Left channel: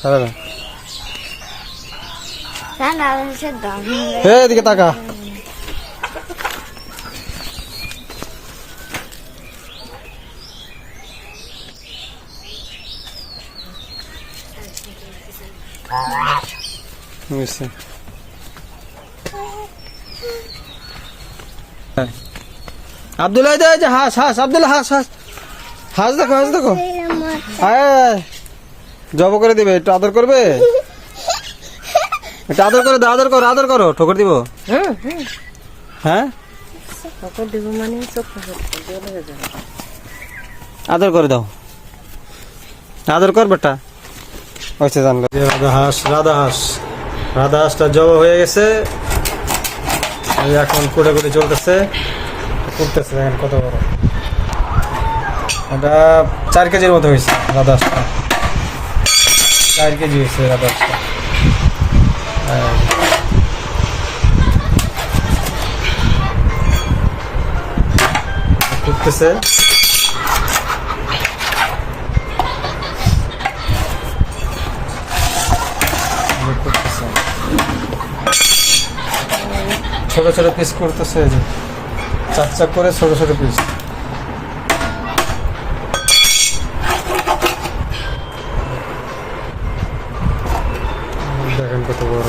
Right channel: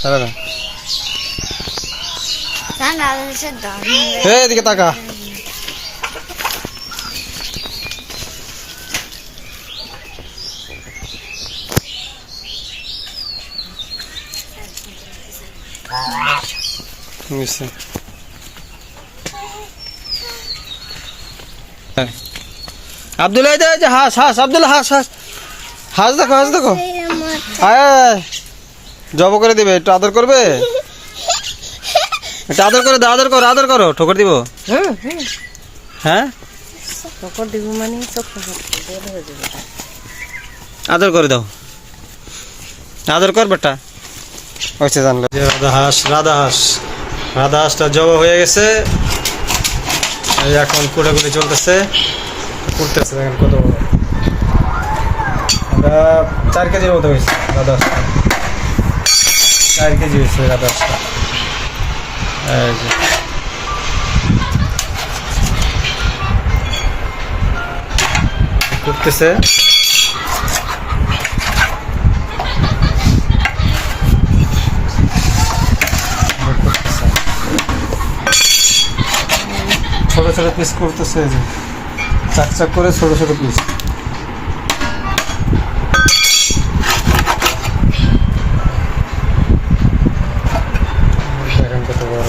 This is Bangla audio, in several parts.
ছাড়া না। এদিকে তাকা। আব্দুল্লাহ হাঁস হাঁস আব্দুল্লাহ হাঁস হাঁস হাঁস দেখো হাঁস দেখো। আয় জব করে দিবে, একটু আদর করবে, একটু আদর করে দাও, আদর করো আদর করো, ঠোকর দিব। হ্যাঁ আদর করে দাও, আদর কর বেটা। হয়েছে জানলো যে রাধা হাঁস, রাধা হাঁস, রাধা হাঁসটা জব হয়ে গেছে, এখন কুটে কুটে চলতেছে, কুটতেছে। দেখেন কত বড়, আমরা 4 কেজির মতো হয়েছে রাধা হাঁসটা, 4 কেজি হয়েছে রাধা হাঁসটা। কুটতেছে, ছোট ছোট পিস করতেছে, চাক চাক করে ছোট ছোট পিস। দেখেন কত বড়।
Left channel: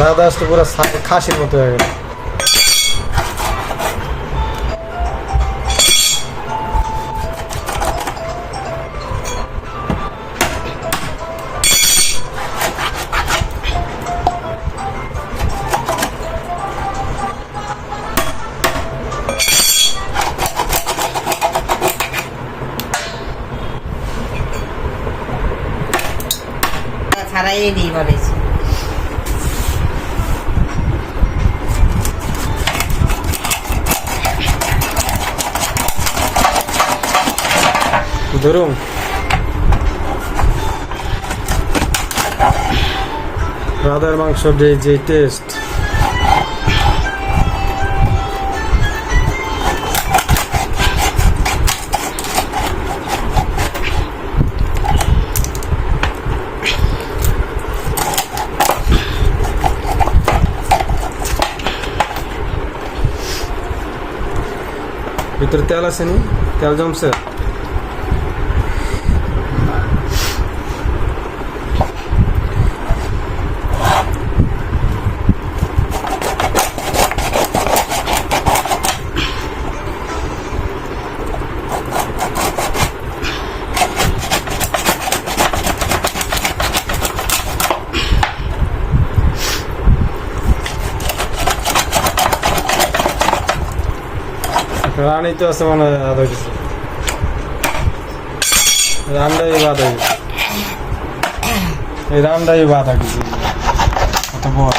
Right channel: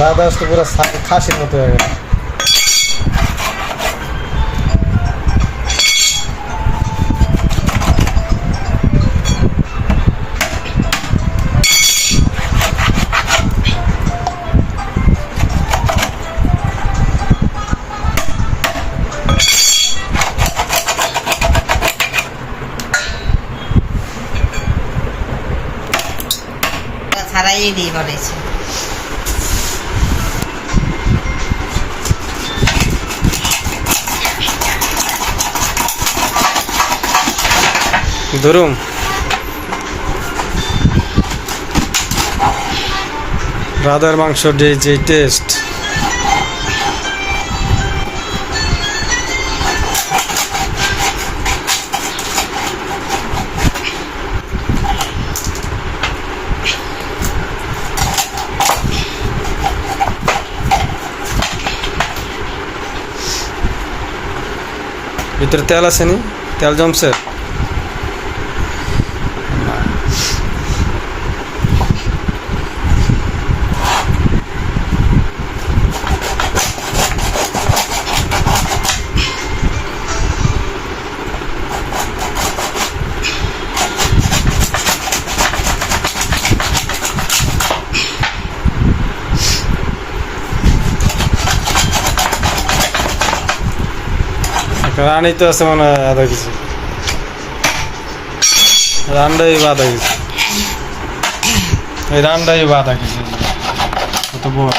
রাধা হাঁস তো পুরো খাসির মতো হয়ে গেল। ছাড়াই দিয়ে বলেছি ধরুন রাধার মাংস যে টেস্ট, ভিতরে তেল আছে নি, তেল জমছে। রানি তো আছে মনে হয় আধা কেজি, রান্ডাই আধা কেজি, এই রান্ডাই আধা কেজি, কত বড়,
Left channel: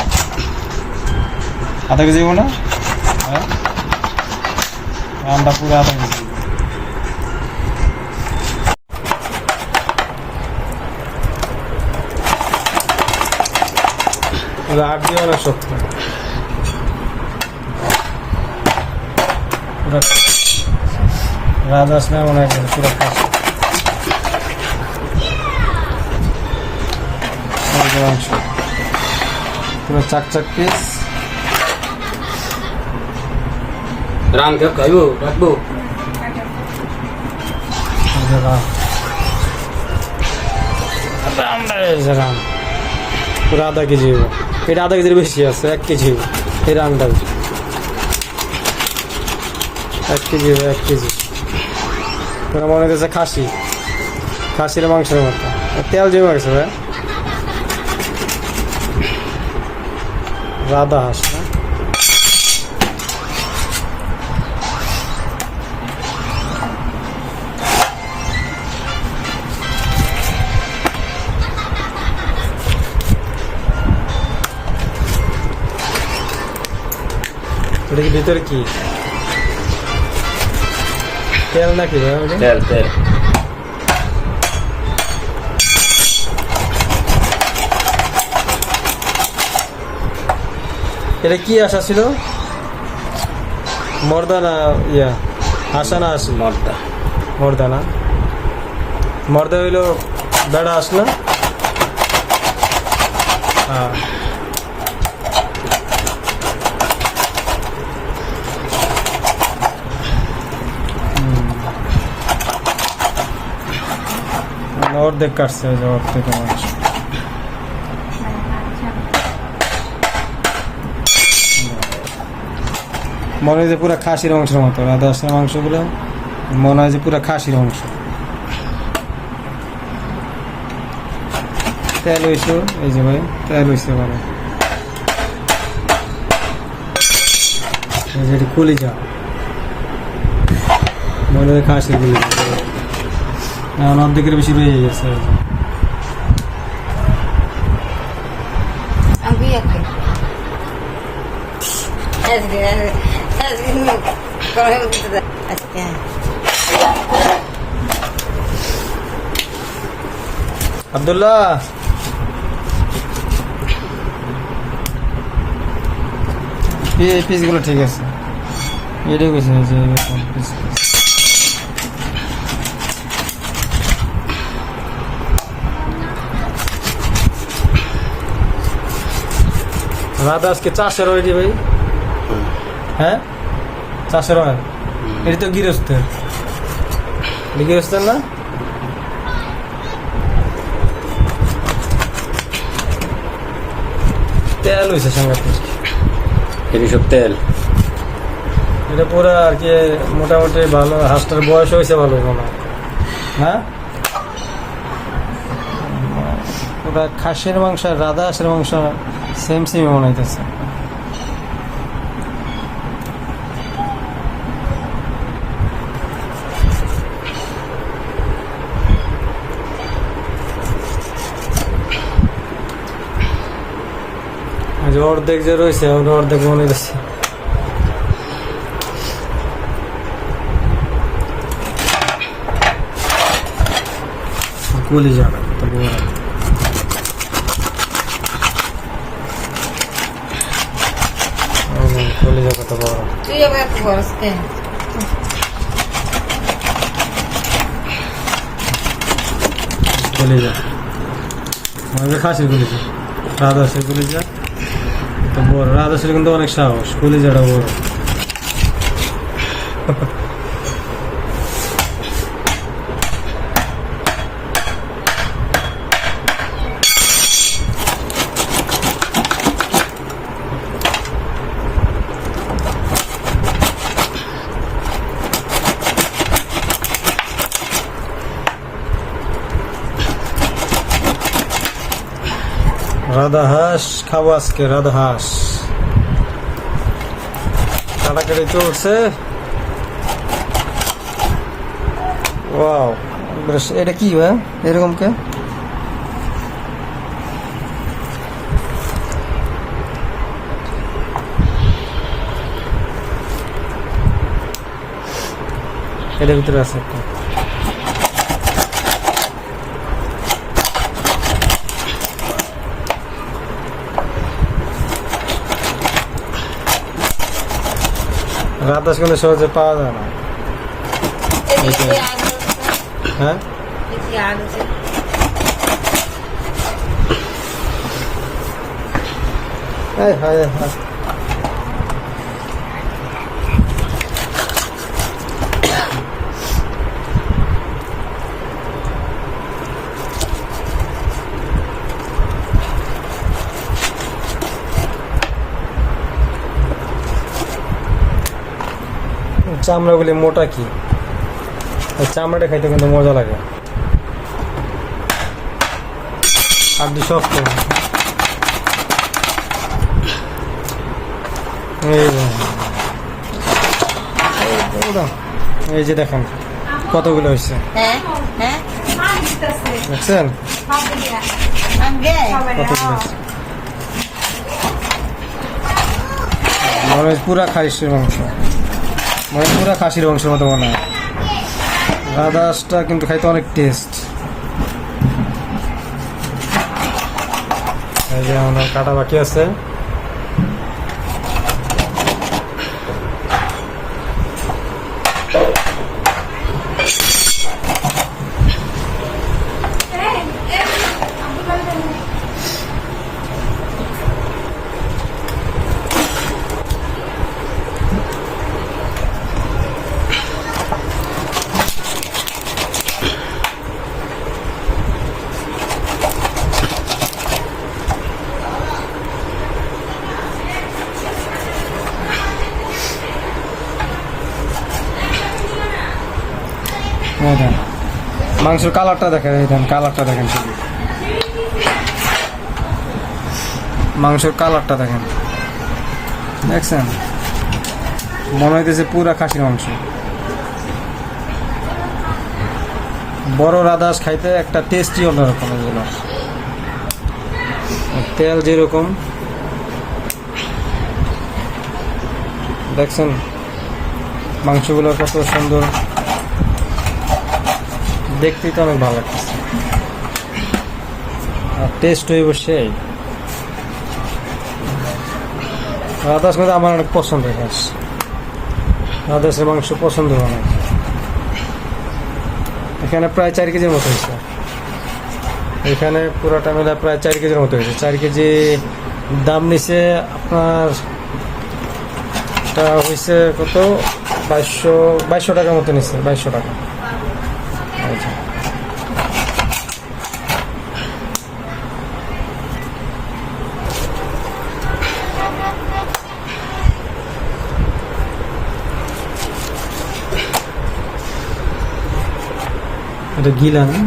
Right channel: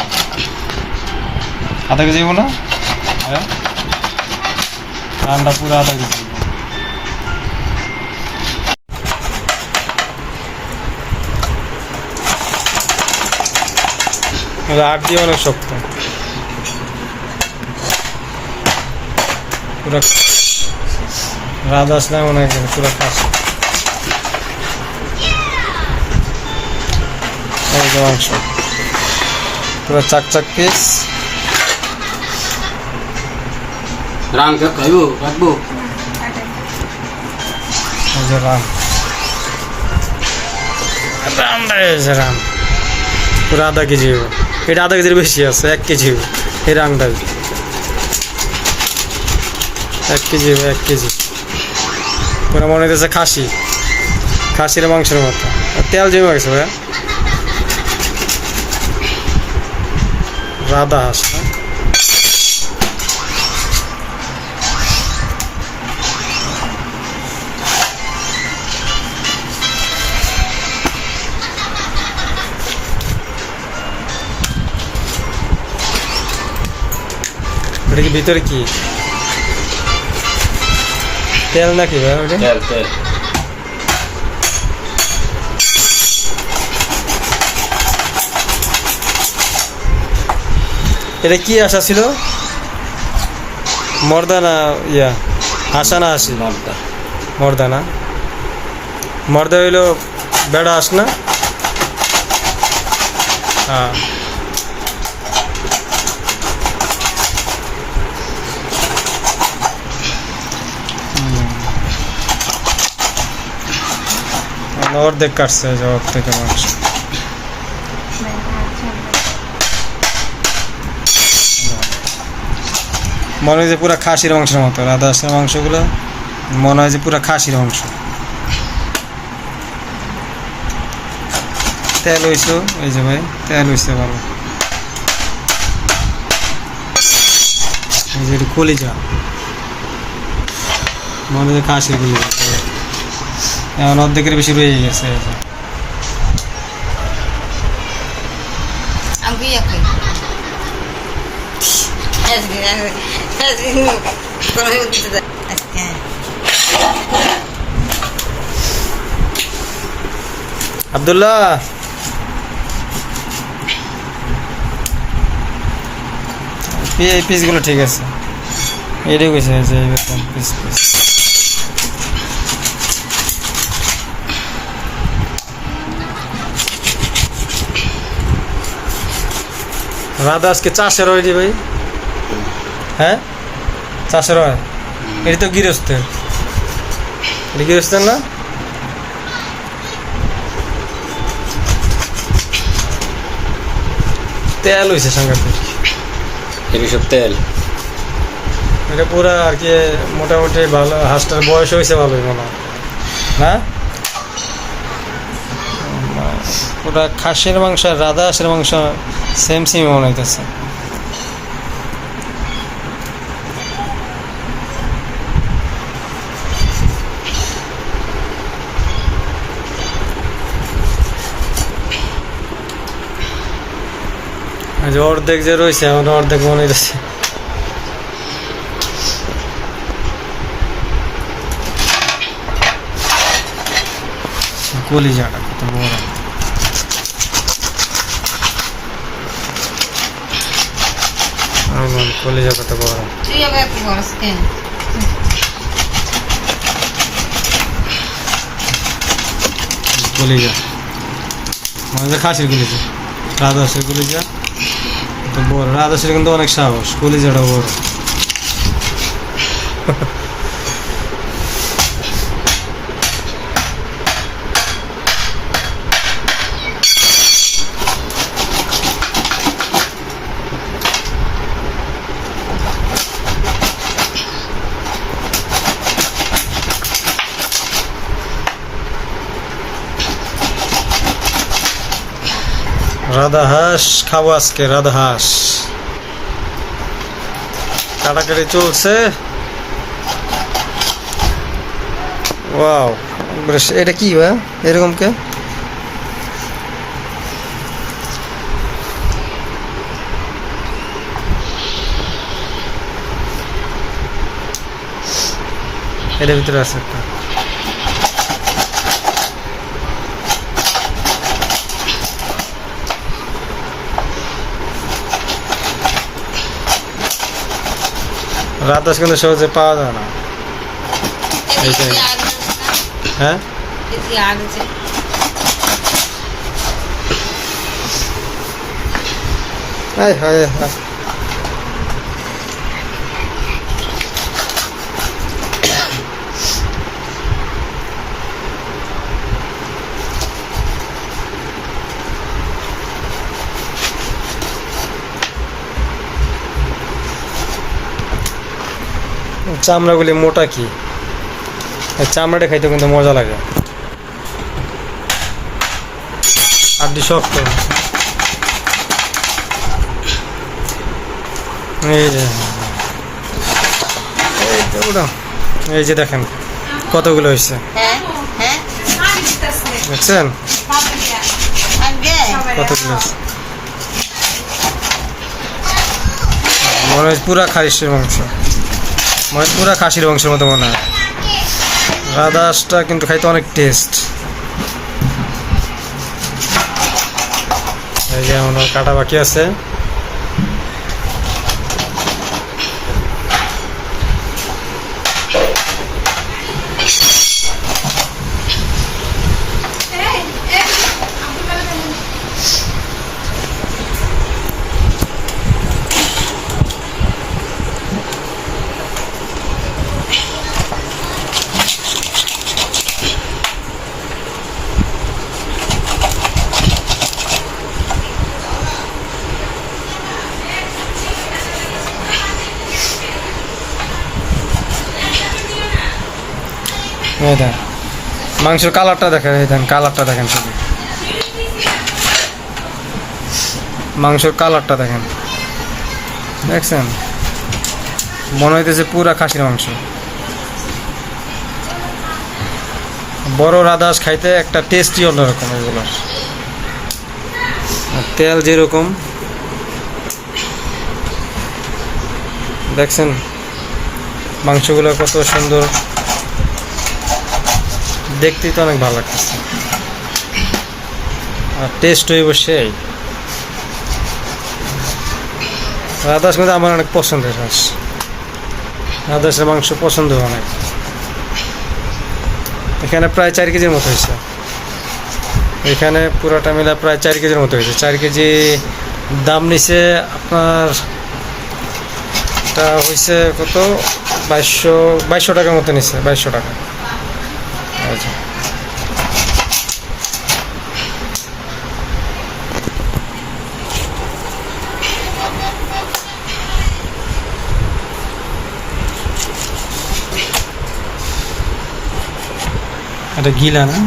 আধা কেজি না? হ্যাঁ রান্ডা পুরো আধা কেজি। আট দিয়ে অনেক শক্ত, পুরো রাধা হাঁস না মনে হয় পুরো খাসি। মাংস পুরো চাক চাক পিস। রাম খাইবো রাখবো, রাম পুরো আধা কেজি হইব, এটা আধা কেজির বেশি আছে, 1 কেজি হইব এই রামটা, 1 কেজি হইব, 1 কেজি পুরো মনে হচ্ছে খাসি, খাসির মাংসের মতো। তেল জমে গেছে ভাইয়া। রাধা হাঁস না, ওটা কি ভিতরে কি তেল নাকি ভাই? তেল তেল এটা কি আশা ছিল? মর্দা না ইয়া, হাসা না হাসি? মর্দা। মর্দা না, মর্দা হইলো বেড়া হাঁস না? হ্যাঁ। অর্ধেক কাটছে জবাব থেকে মাংস। মনে হয় যে পুরা খাসির মাংসের মতো, রাধা হাঁসের মাংসগুলো মনে হয় যে পুরা খাসির মাংস। তেল হইছো, এই যে ভাই তেল হইছে ভালো। এই যে এটা কলিজা, মনে হয় খাসির কলিজা। এখন অর্ধেকের বেশি রয়ে গেছে। এই যে আমি ইয়া খাই আজকে আব্দুল্লাহ, এই পিসগুলো ঠিক আছে, এটাই কইছে যে এরকম পিস পিস। রাধা আজকে চাষের হয় রে ভাই। হ্যাঁ চাষের হয়, এটা তো গৃহস্থের। এটা গৃহস্থের না? তেল হয়েছে সাংঘাতিক। এটি সব তেল। এটা পুরো আর কি মোটামুটি ভালো। হাঁসটার বয়স হয়েছে ভালোই মনে হয় না? পুরা খাসির মাংস আর রাধা হাঁসের মাংস সেম সেম মনে হইতেছে। যে অর্ধেক যে রয়েছে অর্ধেক মনে হইতেছে। কলিজাটা কত বড়। কলিজা কত বড়। তুই আবার এত বড় কেন? কলিজা মানে খাসির কলিজা, রাধা হাঁসের কলিজা তো বড়। রাধা হাঁসের কিন্তু অনেক সাহস, কলিজাটা বড়। রাধা হাঁস খাবো আজকে, রাধা হাঁস কাটাকাটি চলছে। ওয়াও, এটা কি বা এরকম কে? এটার ভিতরে আছে একটা। রাধা হাঁস কিন্তু সহজে পাওয়া যায় না। হ্যাঁ চামড়াগুলি মোটা কি, চামড়াটা খাইতে কিন্তু মজা লাগে। আড্ডি শক্ত। এই যে দেখেন কতগুলো হয়েছে, দেখছেন কতগুলো হয়েছে। মনে হয় পুরা খাসির মাংস, মনে হয় পুরা খাসির মাংসের মতো মনে হয়। রাধা হাঁসটা কিন্তু খাইতে অনেক টেস্ট। এই যে আমার কাটা বাকি আছে, এই দেন মাংসের কালারটা দেখেন, এই দেন কালারটা দেখেন, শুধু মাংসের কালারটা দেখেন, দেখছেন মনে হইতেছে পুরা খাসির মাংস। বড় রাদাস খাইতে একটা টেস্টই অন্যরকম এগুলোর। তেল যেরকম দেখছেন, মাংসগুলো কত সুন্দর, দেখতেই তো অনেক ভালো লাগতেছে, আর টেস্ট হইব সেই। রাদাস কিন্তু আমার অনেক পছন্দের হাঁস, রাদাসের মাংস পছন্দ অনেক। এখানে প্রায় 4 কেজির মতো হয়েছে, এখানে পুরোটা মিলে প্রায় 4 কেজির মতো হয়েছে। 4 কেজি দাম নিছে আপনার, তা হয়েছে কত 2200 টাকার মতো নিচ্ছে, 2200 টাকা। আচ্ছা এটা গিলা না,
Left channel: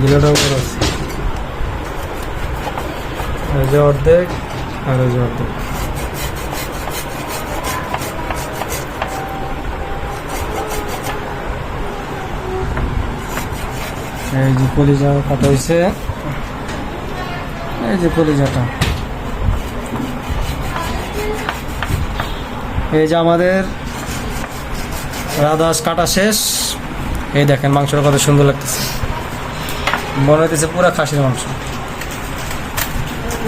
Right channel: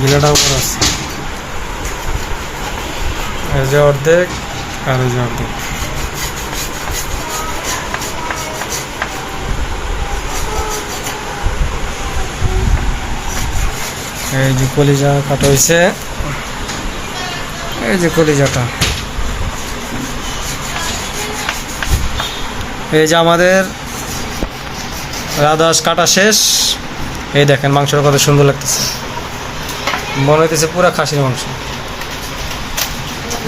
গিলাটা উপর আছে, এই যে অর্ধেক আর এই যে অর্ধেক। এই যে কলিজা কাটা হয়েছে, এই যে কলিজাটা। এই যে আমাদের রাদাস কাটা শেষ। এই দেখেন মাংসটা কত সুন্দর লাগতেছে, মনে হইতেছে পুরা খাসির মাংস।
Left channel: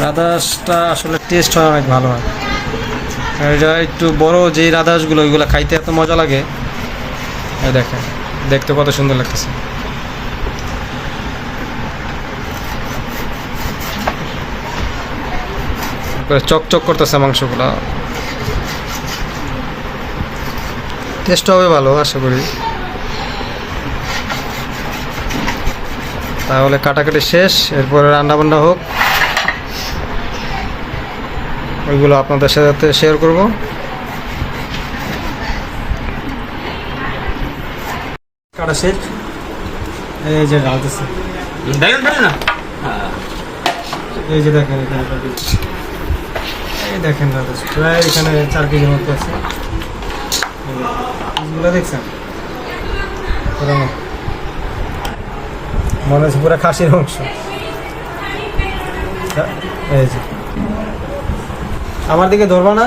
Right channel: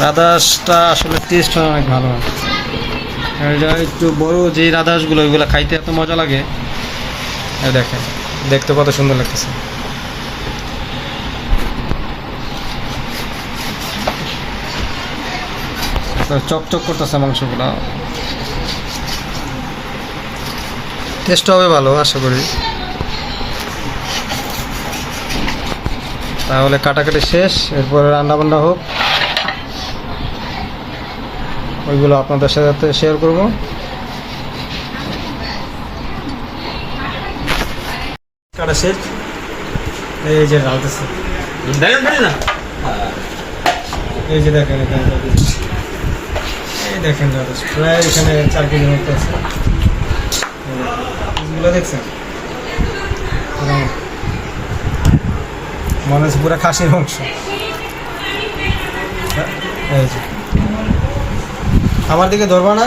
রাদাসটা আসলে টেস্ট হয় অনেক ভালো হয়। এই যে একটু বড় যে রাদাসগুলো, ওইগুলো খাইতে এত মজা লাগে। এই দেখেন দেখতে কত সুন্দর লাগতেছে। চকচক করতেছে মাংসগুলো, টেস্ট হবে ভালো আশা করি। তাহলে কাটাকাটি শেষ, এরপরে রান্না বান্না হোক, ওইগুলো আপনাদের সাথে শেয়ার করব। কাটা শেষ, এই যে ঢালতেছে, এই যে দেখেন, এই দেখেন প্রায় এখানে 4 কেজির মতো আছে। এগুলো দেখছেন মনে হচ্ছে পুরো খাসির মাংস। এই যে আমার দিকে ধরবা না,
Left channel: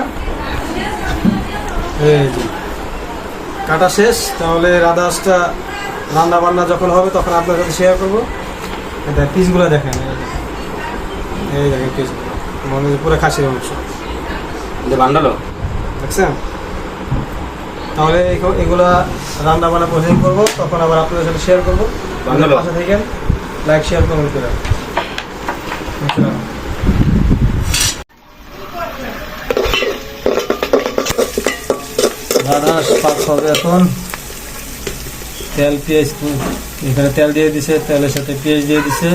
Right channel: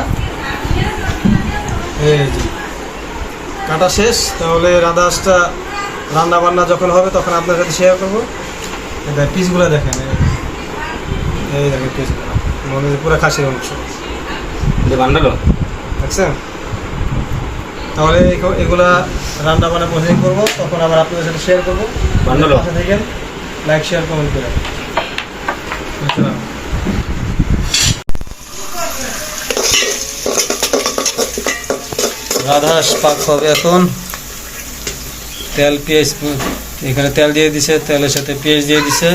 এই যে কাটা শেষ। তাহলে রাদাসটা রান্না বান্না যখন হবে তখন আপনার সাথে শেয়ার করবো। পিসগুলো দেখেন, এই দেখেন পিসগুলো, মনে হচ্ছে পুরো খাসির মাংস বান্ডালো দেখছেন। তাহলে এগুলা রান্না বান্না প্রসেসিং করবো, তখন আবার আপনাদের সাথে শেয়ার করবো। পাশে থাকেন, লাইক শেয়ার কমেন্ট করে। রাদাস পাক হবে এখন। তেল পেঁয়াজ, এখানে তেল দিয়ে দিছে, তেলের সাথে পেঁয়াজ দিয়ে দিছে।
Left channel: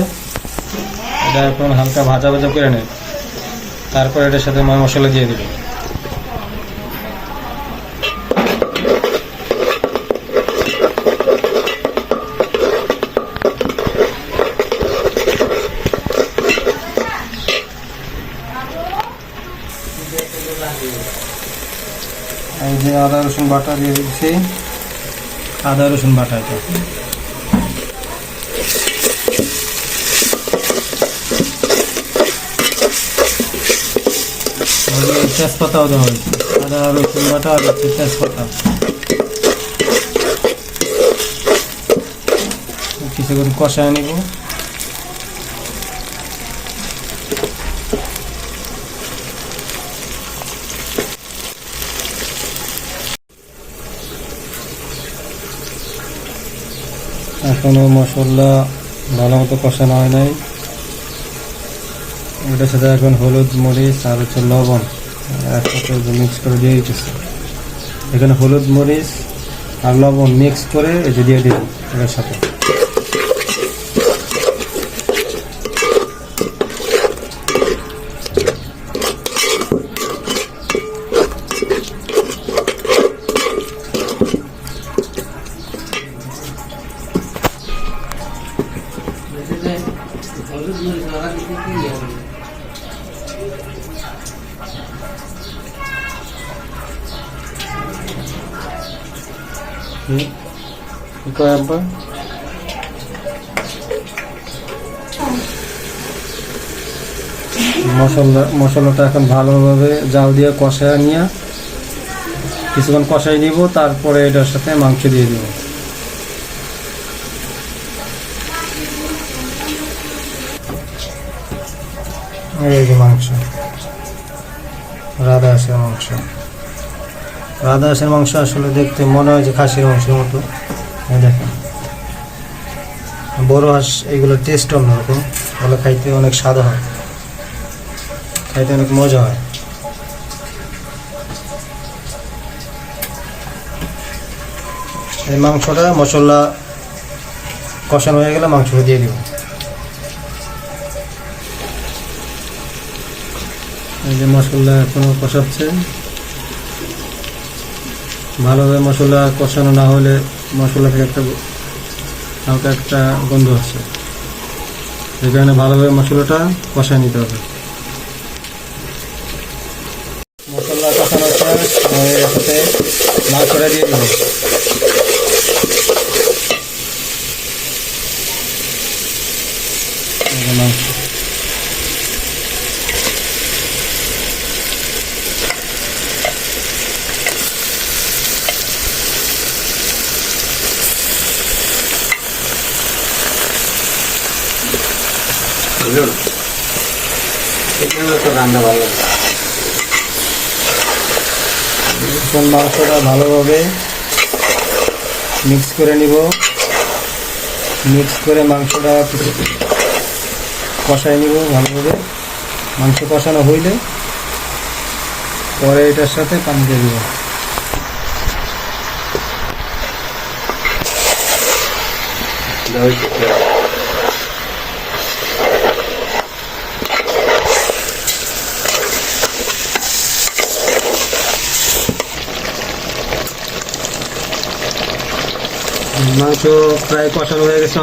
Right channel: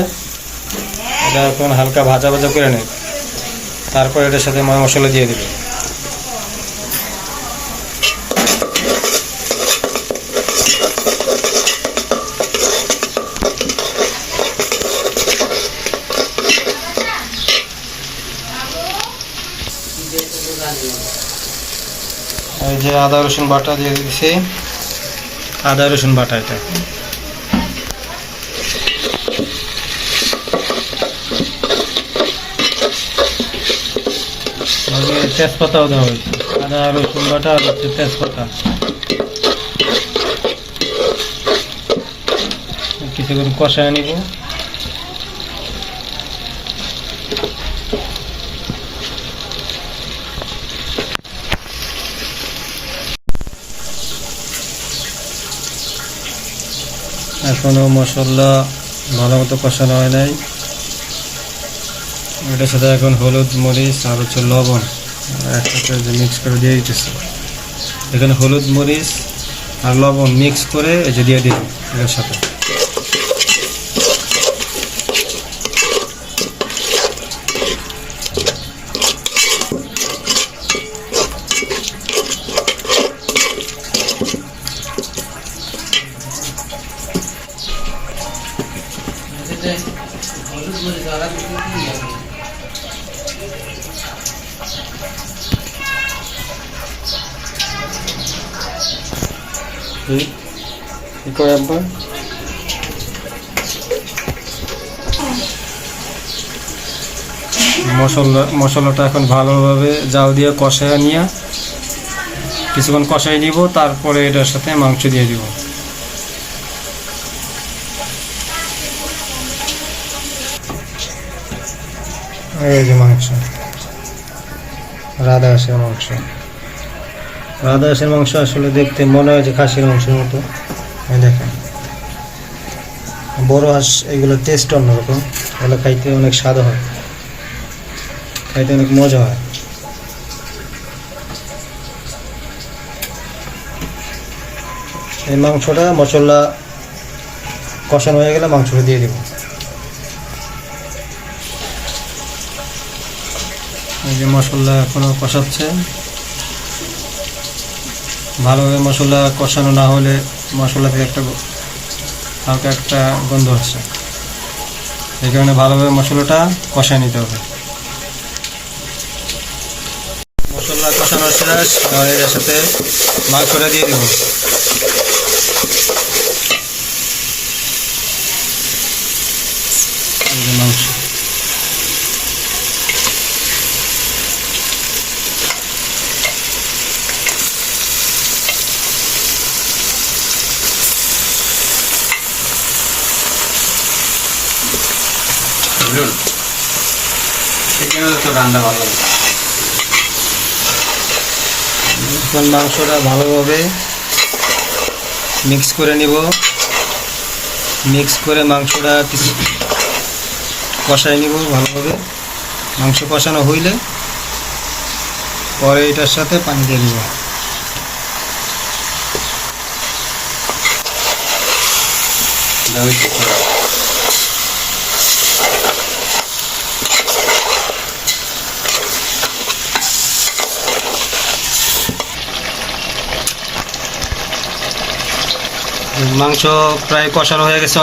এটা এখন হালকা ভাজা ভাজা করে নেয়, তারপর এটার সাথে মশলা দিয়ে দিবে। এই যে আদা রসুন বাটা দিয়ে দিচ্ছি, আদা রসুন বাটা এটা। তেজপাতাও দেওয়া হয়েছে, আদা রসুন বাটা আর হচ্ছে তেজপাতা। কিছু করে কষায় নিব। এখনো মশলা ভালো মতো কষানো হয় নাই, ওটার সাথে এখন হলুদ মরিচ আর হচ্ছে লবণ একসাথে মিক্স করে দিয়ে দিতেছে। এখানে হলুদ মরিচ আর লবণ মিক্স করে এই যে দিয়ে দিব এটার সাথে। কি কয় আব্বা? মশলাটা এখন ভালোভাবে জাল দিয়ে কষায় নিয়ে কিছুক্ষণ কষাই নিব, তারপরে এটার সাথে মাংস দিয়ে দিব। এই যে মাংস, রাধা হাঁসের মাংস। রাধা হাঁসের মাংস আসলে দেখতে মনে হয় যে খাসির মাংসের মতো। এই দেখেন, বড় হাঁস এগুলোর টেস্ট অন্যরকম, ওগুলো খাইতে অনেক স্বাদ হয়, খাইতে অনেক মজা হয়। এই মাংসটা মশলা কষানো হয়ে গেলে মাংসটা দিয়ে দিব। এই যে মশলা এখনো কষাচ্ছে, ভালোভাবে মশলা কষানো না হলে মশলা থেকে একটা হালকা একটা গন্ধ হচ্ছে, এই কারণে ভালোভাবে মশলাটা কষায় নিতে হবে। মশলা কষানো শেষ, এর সাথে মাংসটা দিয়ে দিব। মাংস রান্না ভালো লাগে। এখন মাংসটা ভালোভাবে মিক্স করে নিব। মিক্স করে মাংসটা কষাই নিব ভালোভাবে। মাংস কষানো হইলে পরে এটার সাথে পানি দিয়ে দিব। মাংস প্রায় কষানো হয়ে গেছে,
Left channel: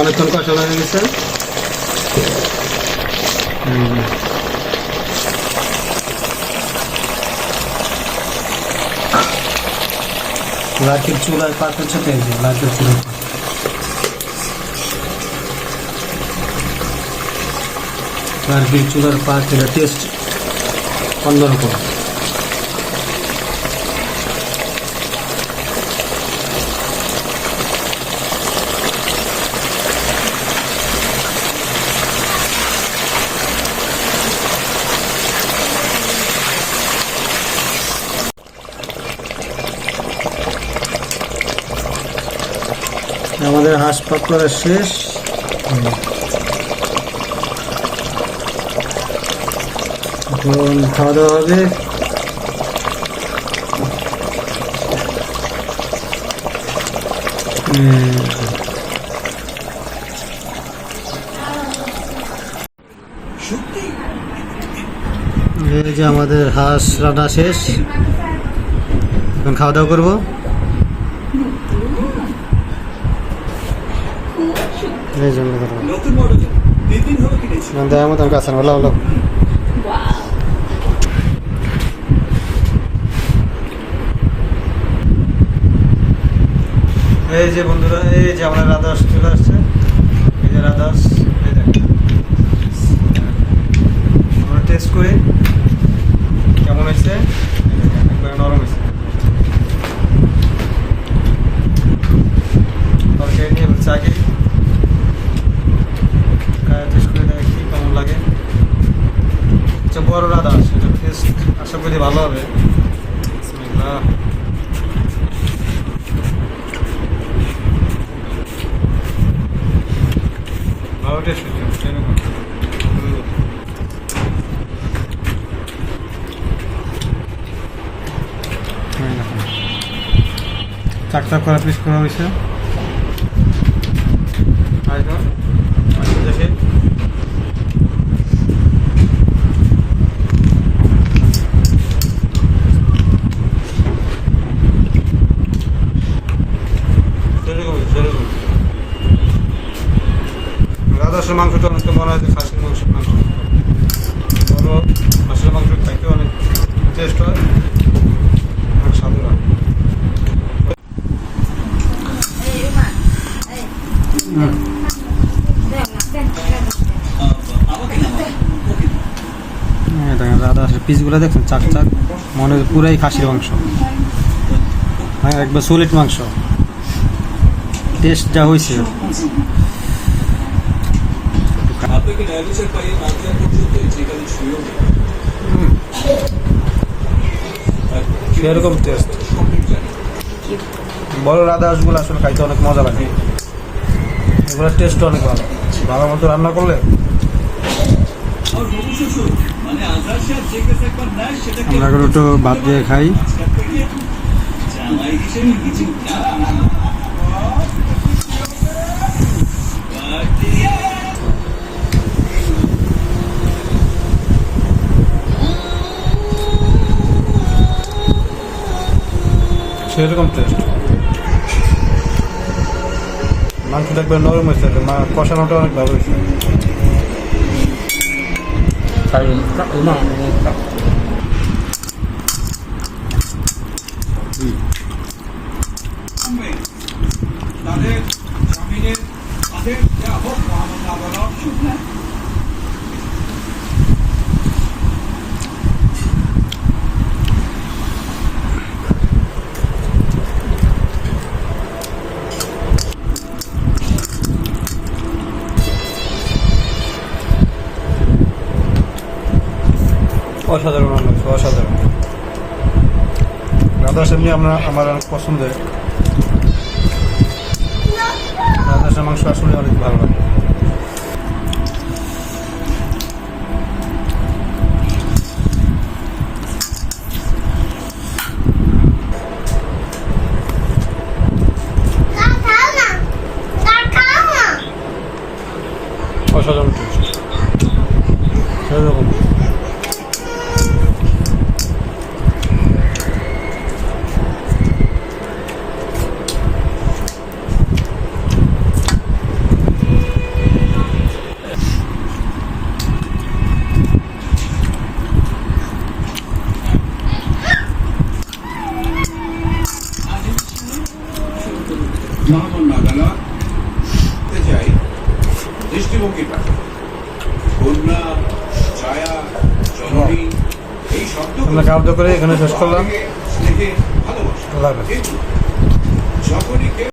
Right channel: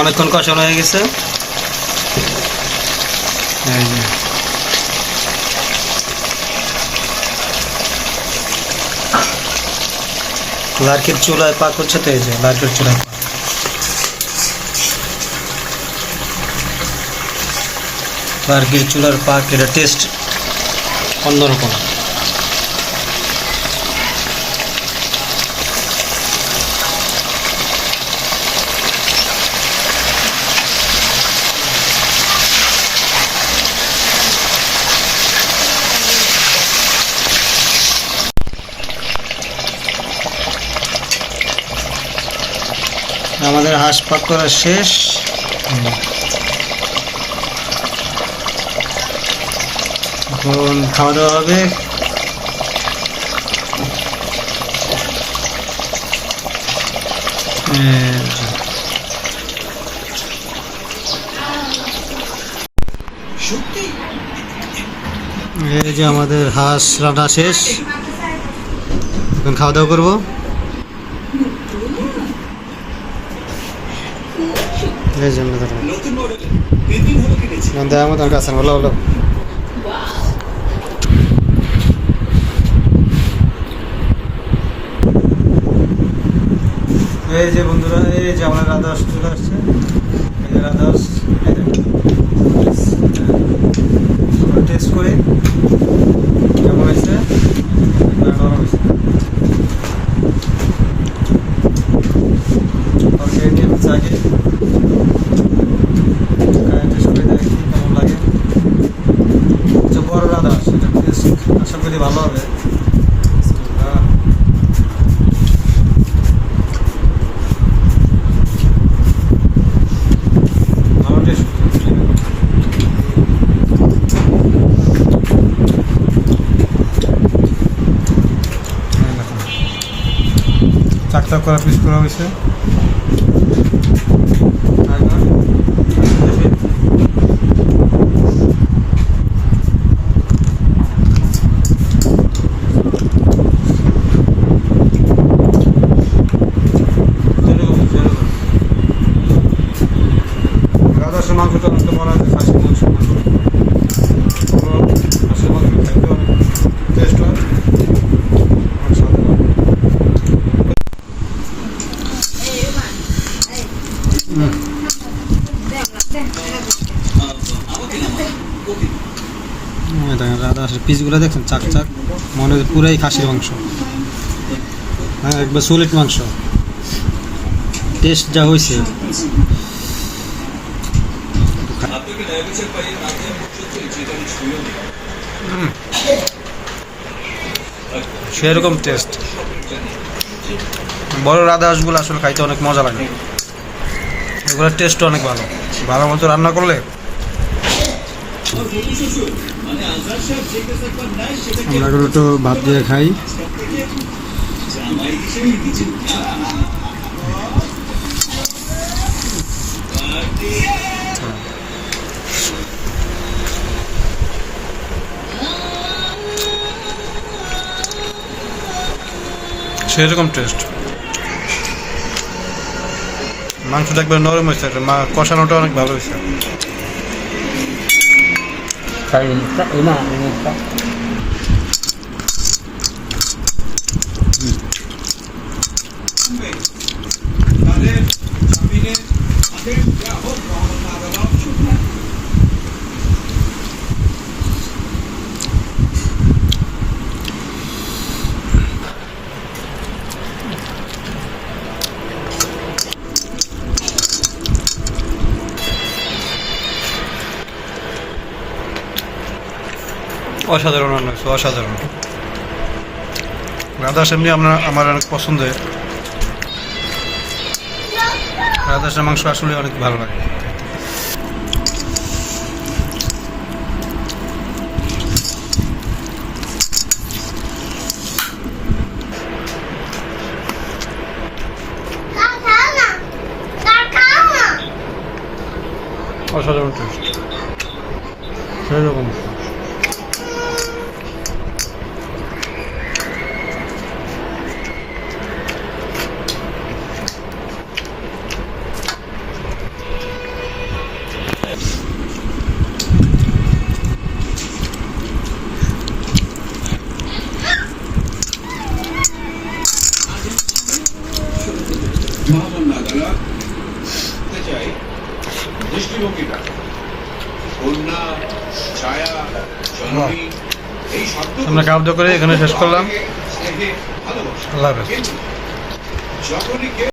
অনেকক্ষণ কষানো হয়ে গেছে। লার্কির চুলায় পাক হচ্ছে, তো এই যে লার্কির চুলায় পাক। লার্কির চুলার পাক, এটা টেস্ট অন্যরকম। আমাদের হাঁস পাক করা শেষ। এখন খাওয়া দাওয়া হবে। এই যে আমাদের হাঁস রান্না শেষ, এখন খাওয়া দাওয়া করবো। এই জন্য দেওয়ার মতো কাছে হলো হলো। এই যে বন্ধুরা, এই যে আমাদের রাধা হাঁস চলে আসছে। এই যে রাধা হাঁস, আমরা টেস্ট করি কেমন হয়েছে। নরম হয়েছে, তরকারি নিয়ে হচ্ছে আগে টেস্ট করে দেখি কেমন লাগে। আচ্ছা, বড় রাধা হাঁস, এটা টেস্ট আশা করি ভালো হবে। ভালো টেস্ট চাকটা করা পিস করা হয়েছে। রাধা হাঁসের মাংসটা অনেকটা মনে হয় খাসি হাঁসের মাংস বড় হাঁসের মাংস খাইতে অনেক টেস্ট হয়, অনেক স্বাদের হয়। দেখেন রাধা হাঁসের পিসগুলো দেখছেন চাক চাক, মনে হয় পুরাই খাসির মাংস। হ্যাঁ একবার সলিড মাংস, টেস্ট যা হয়েছে। সেরকম টেস্ট। বড় রাধা হাঁসগুলো আসলে খাইতে অনেক মজা লাগে, এগুলোর টেস্ট অনেক ভালো, ভালো মতো রান্না করলে। আমরা এখন একটু ভাত দিয়ে খাই। সেরকম টেস্ট, মাংসটা একবার নরম হয়েছে, কষানোটা অনেক ভালো হয়েছে। অসাধারণ রান্না হয়েছে, অসাধারণ। রাধা হাঁস এমনি আমার অনেক পছন্দের, রাধা হাঁসের মাংস আসলে অনেক ভালো লাগে। অসাধারণ টেস্ট, সেরকম। চাই দৃষ্টিভঙ্গিটা, কন্যা, ছায়া, জননী, এই শব্দ আমরা খাওয়া করে এখানে শেষ করলাম। স্নেহে ভালোবাসা। আল্লাহ হাফেজ। যখনই কেউ